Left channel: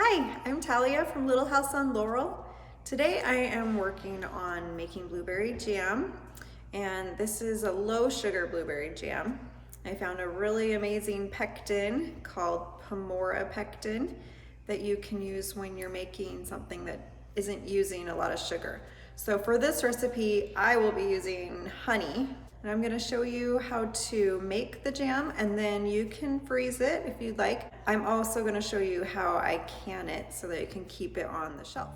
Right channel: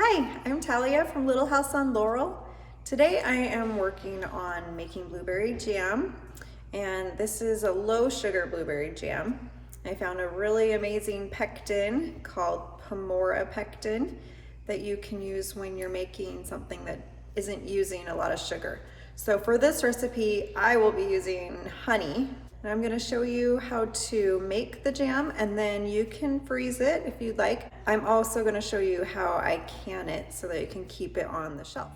Hi, I'm Talia from Little House on Laurel. Today I am working on making blueberry jam, and this is a low sugar blueberry jam. I found a really amazing pectin called Pamora pectin that you can use when you're making something that isn't using a lot of sugar. So for this recipe, I will be using honey. And I'm gonna show you how to make the jam, and then you can freeze it if you'd like. I'm also gonna show you how I can it so that you can keep it on the shelf.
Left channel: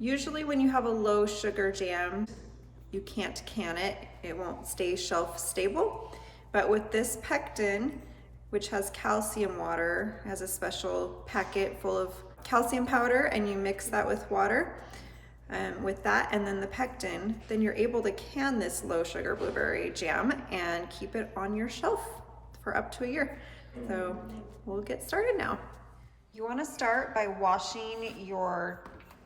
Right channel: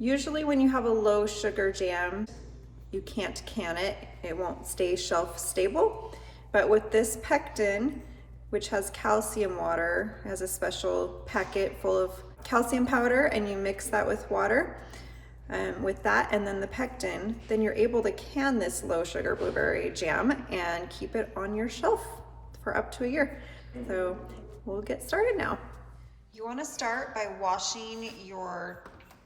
Usually when you have a low sugar jam, you can't can it. It won't stay shelf stable. But with this pectin, which has calcium water, has a special packet full of calcium powder, and you mix that with water, with that and then the pectin, then you're able to can this low sugar blueberry jam and keep it on your shelf for up to a year. So we'll get started now. You want to start by washing your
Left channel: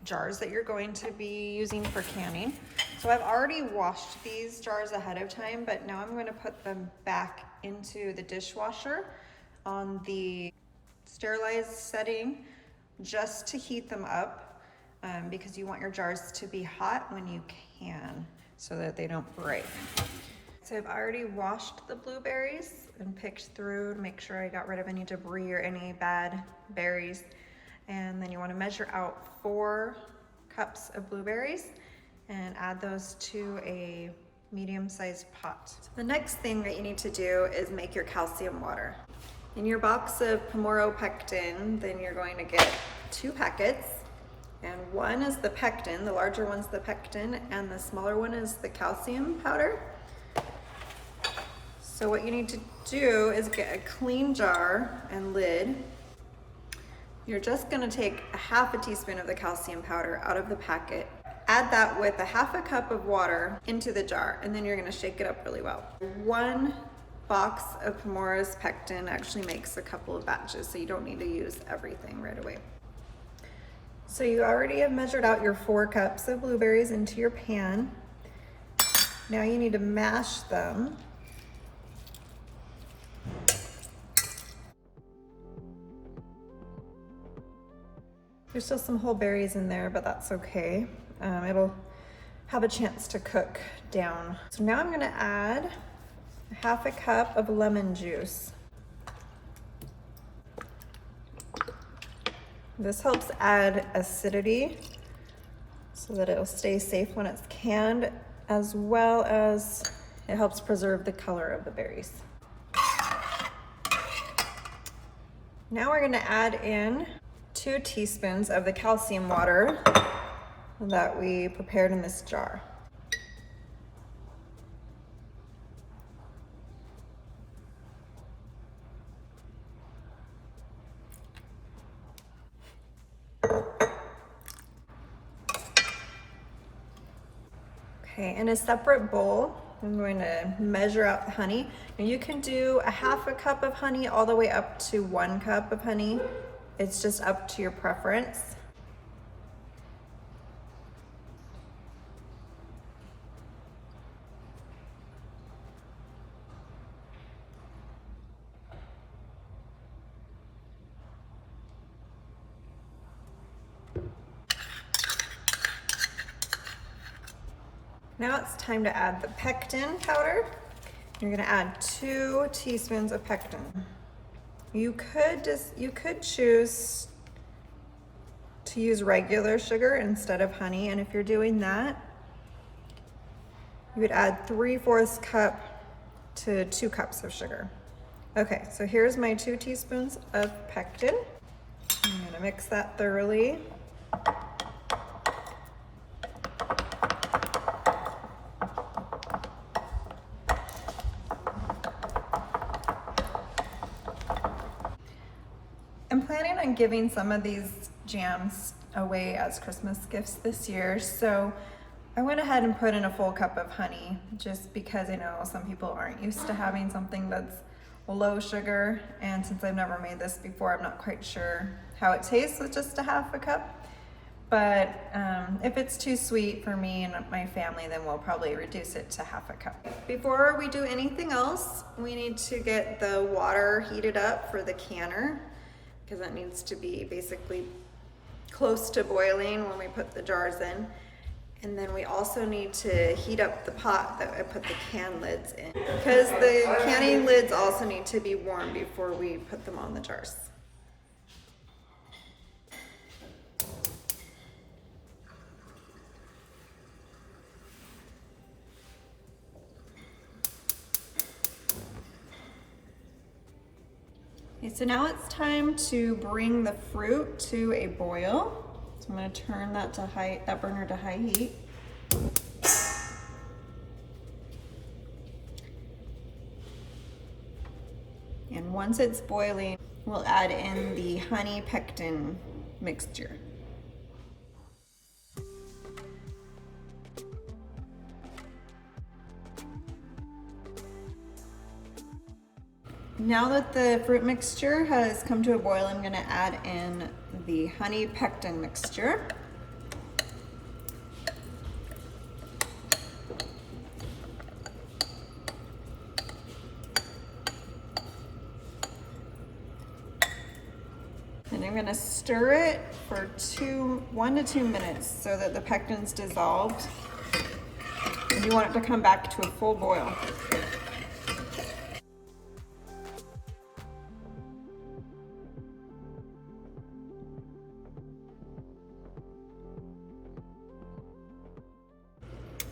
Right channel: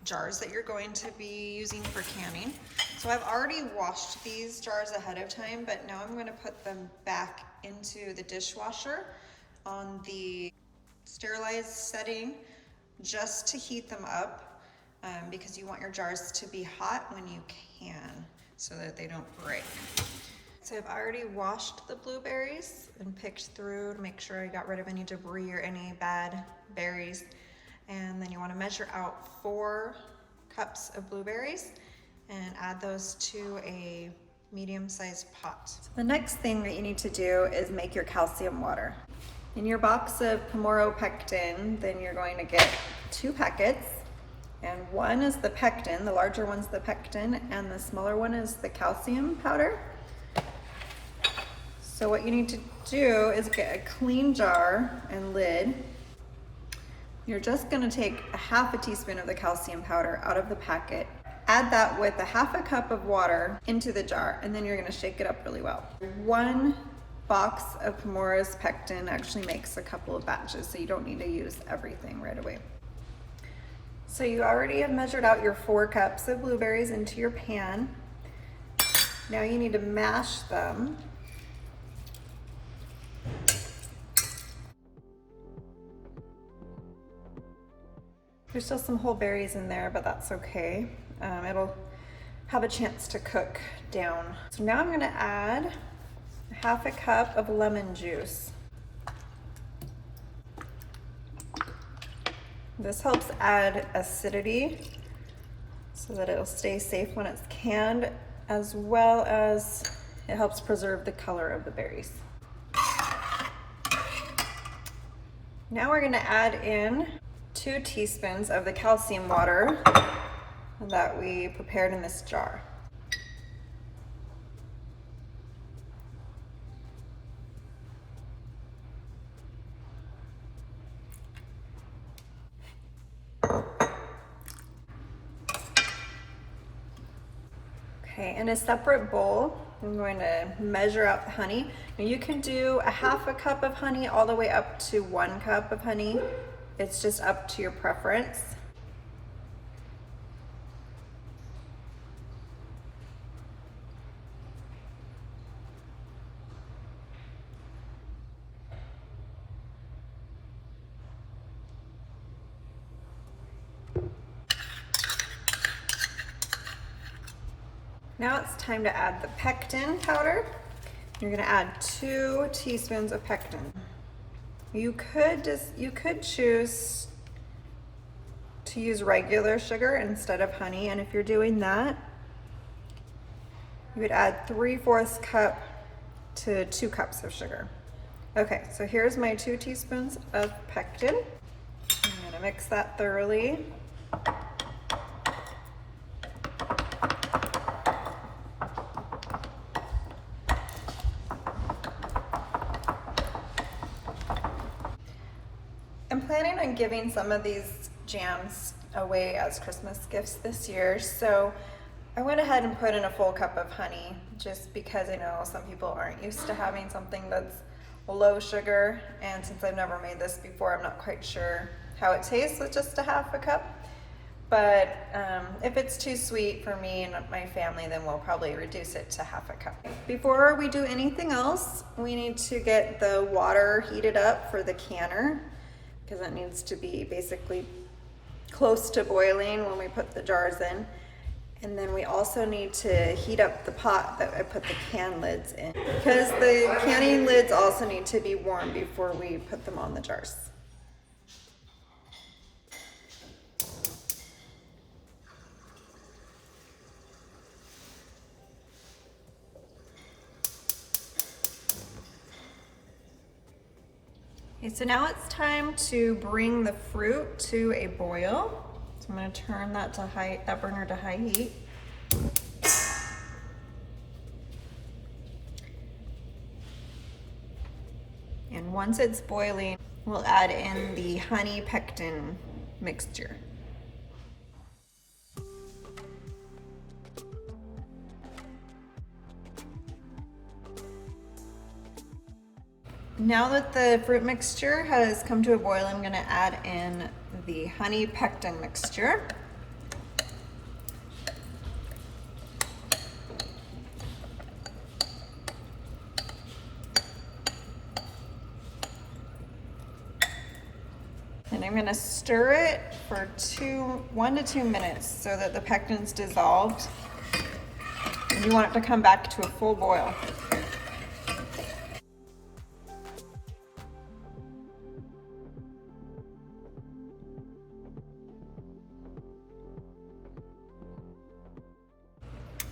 jars that you're going to be using for canning. So I've already washed these jars ahead of time, but now I'm going to put them back into the dishwasher on the sterilized setting just to heat them up, because you want your jars to be hot when you can so that they don't break. So I've already washed the blueberries and picked through to make sure I got rid of any debris or any bad berries. And then you want to measure out 4 cups of blueberries and add those to a medium-sized pot. So the next thing that you need to do is make your calcium water. In your box of Pamora pectin, then you're going to get 2 packets, and one is the pectin, the larger one's the pectin, and the smaller one is the calcium powder. So what you need to do is get a clean jar and lid. You're just gonna take a half a teaspoon of the calcium powder out of the packet, add that with a half a cup of water into the jar, and then you're gonna shake it up really well. 1 box of Pamora's pectin actually makes a couple of batches, so you don't need to use everything right away. So you already have measured out your 4 cups of blueberries into your pan. Now you need to mash them. There's still some whole berries in there, but that's okay. It'll have a chance to cook down. So now I'm gonna add half a cup of lemon juice. This helps add acidity so that it'll stay safe when it's canned, as well as it helps preserve the color of the berries. Now we're gonna add in 2 teaspoons of the calcium water that we prepared in this jar. Okay, in a separate bowl, I'm going to measure out the honey. Now you can do a half a cup of honey all the way up to 1 cup of honey. It's just up to your preference. Now it's time to add the pectin powder. You're gonna add 2 teaspoons of pectin. You could choose to use regular sugar instead of honey, and if you're doing that, you would add 3/4 cup to 2 cups of sugar. Okay, so here's my 2 teaspoons of pectin. I'm gonna mix that thoroughly. I'm planning on giving some of these jams away as Christmas gifts this year, so I went ahead and put in a full cup of honey just because I know some people aren't used to having something that's low sugar, and since I've never made this before, I'm not quite sure how it tastes with just a half a cup. But if it's too sweet for me and my family, then we'll probably reduce it to half a cup. Before we do anything else, we need to get the water heated up for the canner, because it needs to be basically close to boiling when we put the jars in. And then we also need to heat up the pot that I put the can lids in, because the canning lids also need to be warm before we put them on the jars. Okay, so now it's time to bring the fruit to a boil. So I'm going to turn that burner to high heat. And once it's boiling, we'll add in the honey pectin mixture. Now that the fruit mixture has come to a boil, I'm going to add in the honey pectin mixture. And I'm going to stir it for 1 to 2 minutes so that the pectin's dissolved. And you want it to come back to a full boil.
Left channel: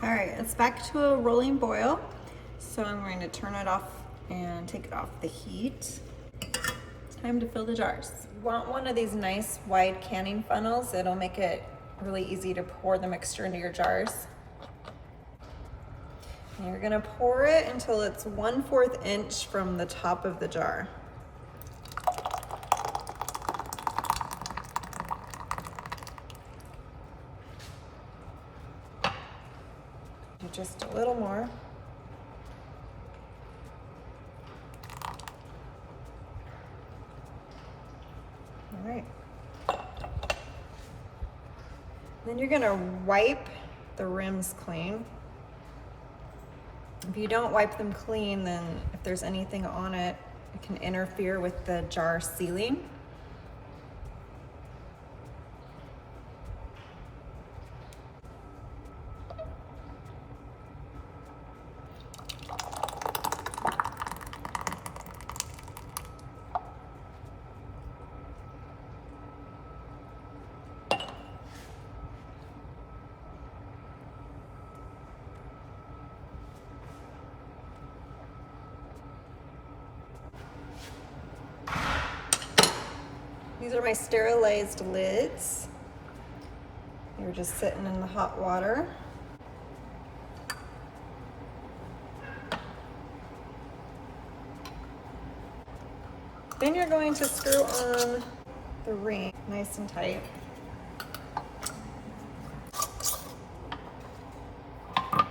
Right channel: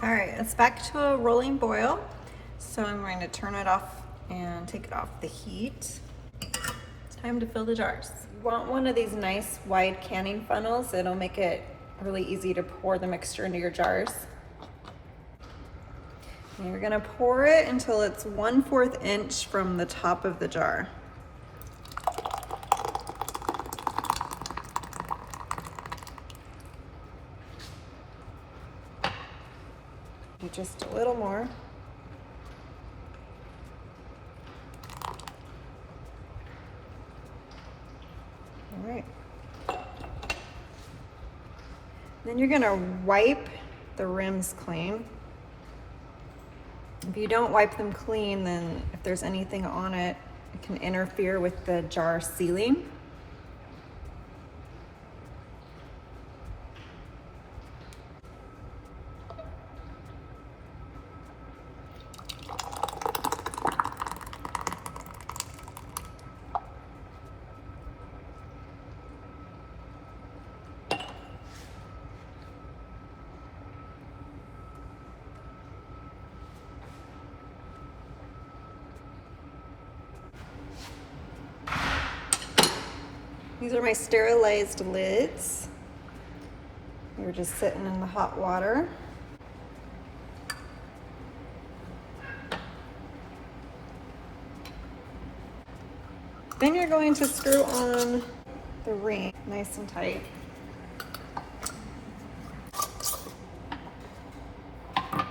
All right, it's back to a rolling boil. So I'm going to turn it off and take it off the heat. It's time to fill the jars. You want one of these nice wide canning funnels. It'll make it really easy to pour the mixture into your jars. And you're gonna pour it until it's 1/4 inch from the top of the jar. Just a little more. All right. Then you're gonna wipe the rims clean. If you don't wipe them clean, then if there's anything on it, it can interfere with the jar sealing. These are my sterilized lids. They were just sitting in the hot water. Then you're going to screw on the ring nice and tight. And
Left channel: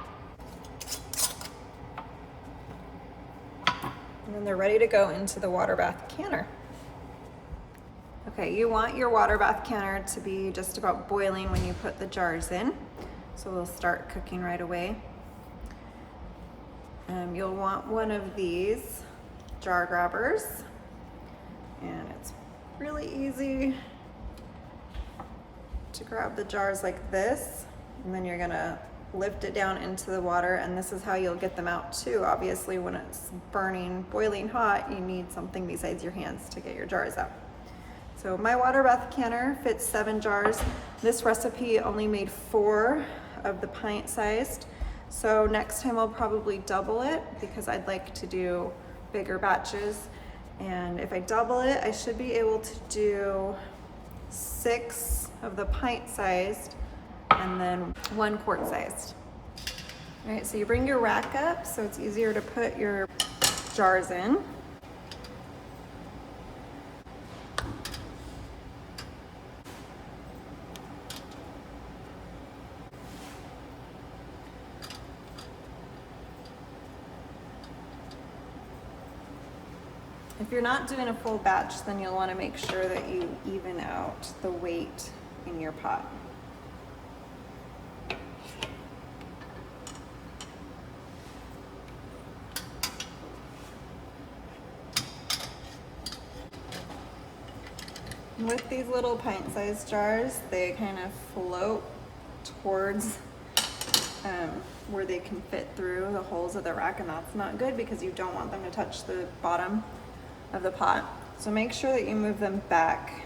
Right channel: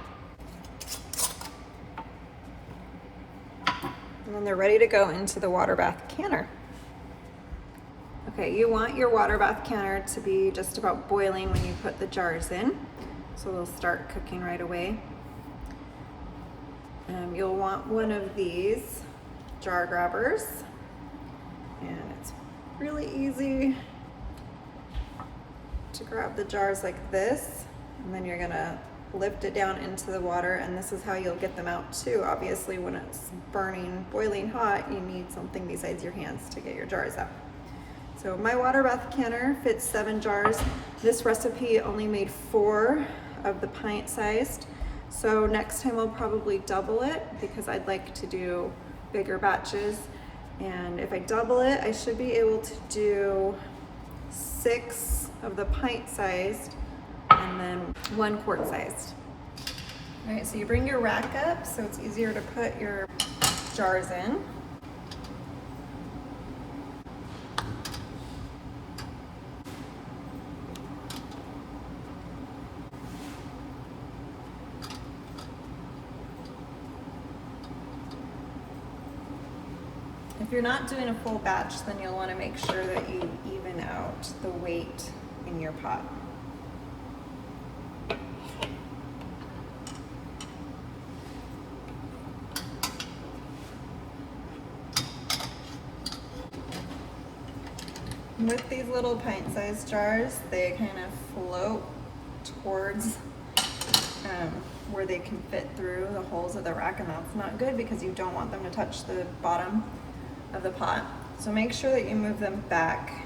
then they're ready to go into the water bath canner. Okay, you want your water bath canner to be just about boiling when you put the jars in. So we'll start cooking right away. You'll want one of these jar grabbers. And it's really easy to grab the jars like this. And then you're gonna lift it down into the water, and this is how you'll get them out too. Obviously, when it's burning, boiling hot, you need something besides your hands to get your jars out. So my water bath canner fits 7 jars. This recipe only made 4 of the pint sized. So next time I'll probably double it because I'd like to do bigger batches. And if I double it, I should be able to do 6 of the pint sized and then 1 quart sized. All right, so you bring your rack up so it's easier to put your jars in. If you're not doing a full batch, then you'll want to make sure that you even out the weight in your pot. With these little pint-sized jars, they kind of float towards where they can fit through the holes of the rack, and that's not good because you don't want them to touch the bottom of the pot. So make sure that you move them back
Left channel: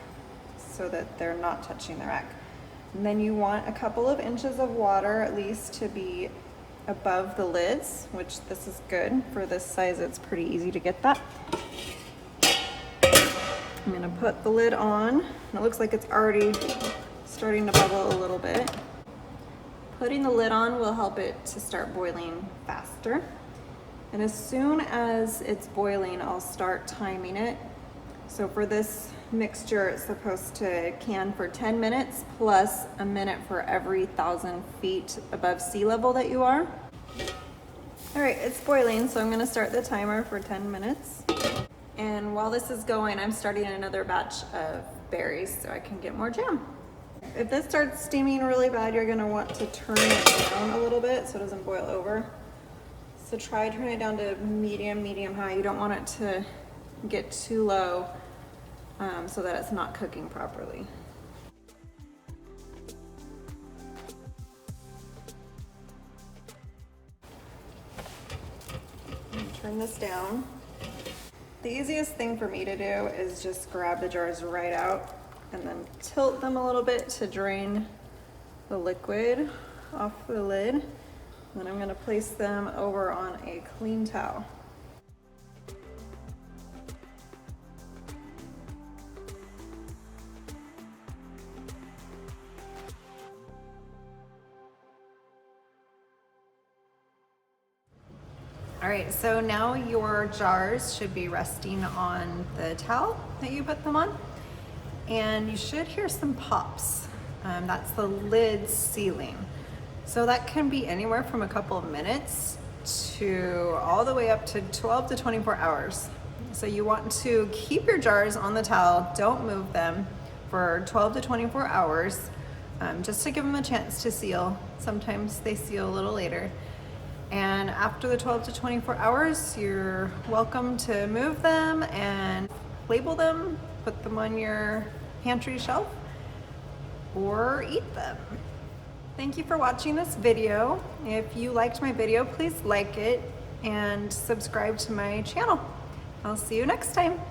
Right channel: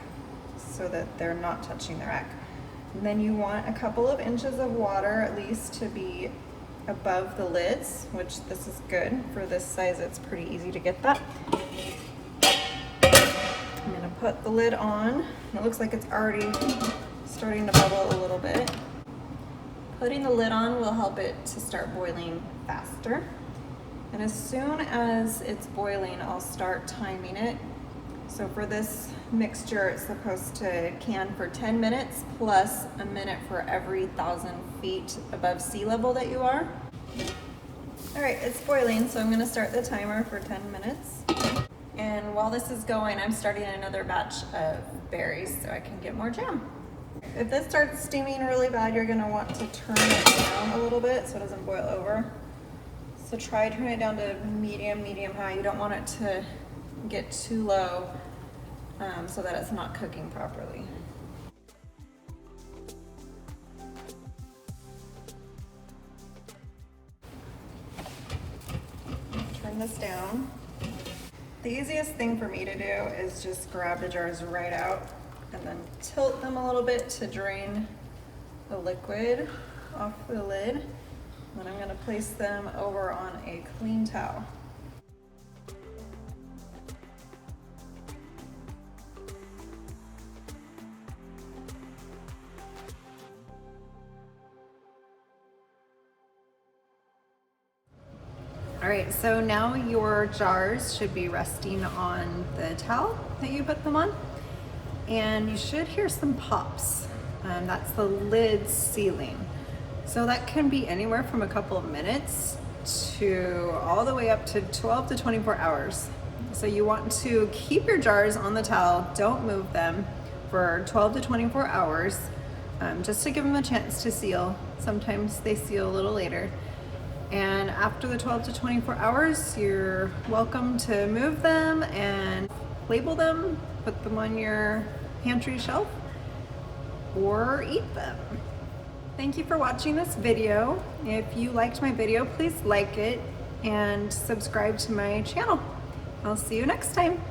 so that they're not touching the rack. And then you want a couple of inches of water at least to be above the lids, which this is good. For this size, it's pretty easy to get that. I'm gonna put the lid on, and it looks like it's already starting to bubble a little bit. Putting the lid on will help it to start boiling faster. And as soon as it's boiling, I'll start timing it. So for this mixture, it's supposed to can for 10 minutes plus a minute for every 1,000 feet above sea level that you are. All right, it's boiling, so I'm gonna start the timer for 10 minutes. And while this is going, I'm starting another batch of berries so I can get more jam. If this starts steaming really bad, you're gonna want to turn it down a little bit so it doesn't boil over. So try turning it down to medium high. You don't want it to get too low so that it's not cooking properly. Turn this down. The easiest thing for me to do is just grab the jars right out and then tilt them a little bit to drain the liquid off the lid. And then I'm gonna place them over on a clean towel. All right, so now your jars should be resting on the towel that you put them on, and you should hear some pops. That's the lid sealing. So that can be anywhere from a couple of minutes to all the way up to 12 to 24 hours. So you want to keep your jars on the towel, don't move them for 12 to 24 hours, just to give them a chance to seal. Sometimes they seal a little later. And after the 12 to 24 hours, you're welcome to move them and label them, put them on your pantry shelf, or eat them. Thank you for watching this video. If you liked my video, please like it and subscribe to my channel. I'll see you next time.